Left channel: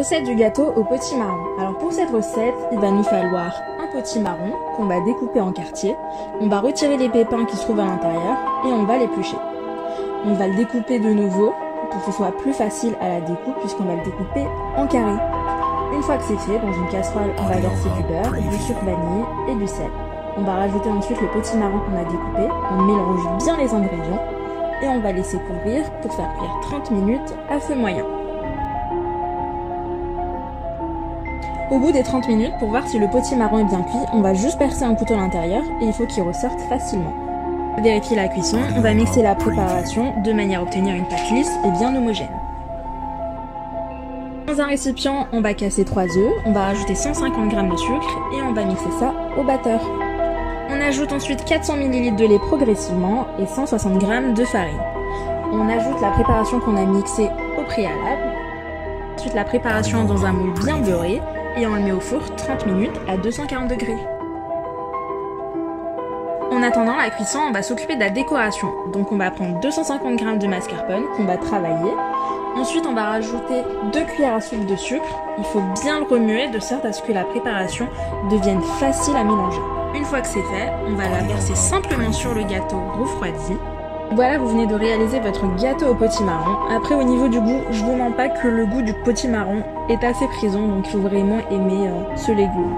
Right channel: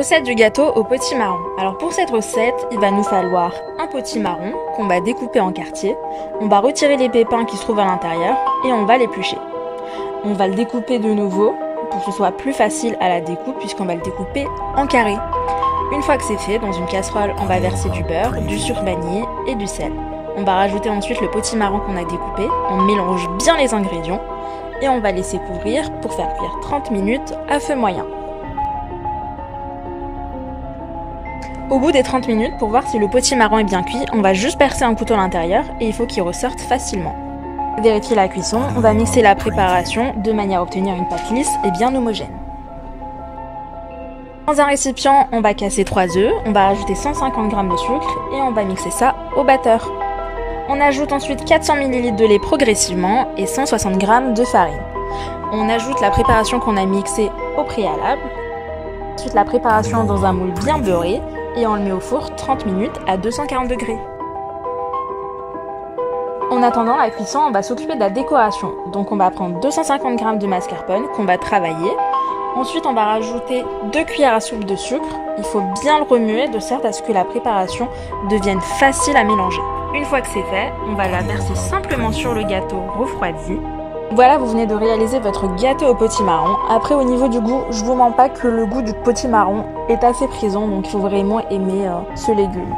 Recette du gâteau au potimarron. Alors pour cette recette, il va nous falloir un potimarron qu'on va découper en quartiers. On va retirer les pépins qui se trouvent à l'intérieur et on va l'éplucher. On va le découper de nouveau pour que ce soit plus facile à la découpe puisqu'on va le découper en carrés. Une fois que c'est fait, dans une casserole, on va verser du beurre, du sucre vanillé et du sel. On va rajouter ensuite le potimarron qu'on a découpé. On mélange bien les ingrédients et on va laisser couvrir pour faire cuire 30 minutes à feu moyen. Au bout des 30 minutes, pour voir si le potimarron est bien cuit, on va juste percer un couteau à l'intérieur et il faut qu'il ressorte facilement. Pour vérifier la cuisson, on va mixer la préparation de manière à obtenir une pâte lisse et bien homogène. Dans un récipient, on va casser 3 œufs, on va rajouter 150 g de sucre et on va mixer ça au batteur. On ajoute ensuite 400 ml de lait progressivement et 160 g de farine. On ajoute la préparation qu'on a mixée au préalable. Ensuite la préparation dans un moule bien beurré et on le met au four 30 minutes à 240 degrés. En attendant la cuisson, on va s'occuper de la décoration. Donc on va prendre 250 g de mascarpone qu'on va travailler. Ensuite on va rajouter 2 cuillères à soupe de sucre. Il faut bien le remuer de sorte à ce que la préparation devienne facile à mélanger. Une fois que c'est fait, on va la verser simplement sur le gâteau refroidi. Voilà, vous venez de réaliser votre gâteau au potimarron. Après, au niveau du goût, je vous mens pas que le goût du potimarron est assez présent, donc il faut vraiment aimer ce légume.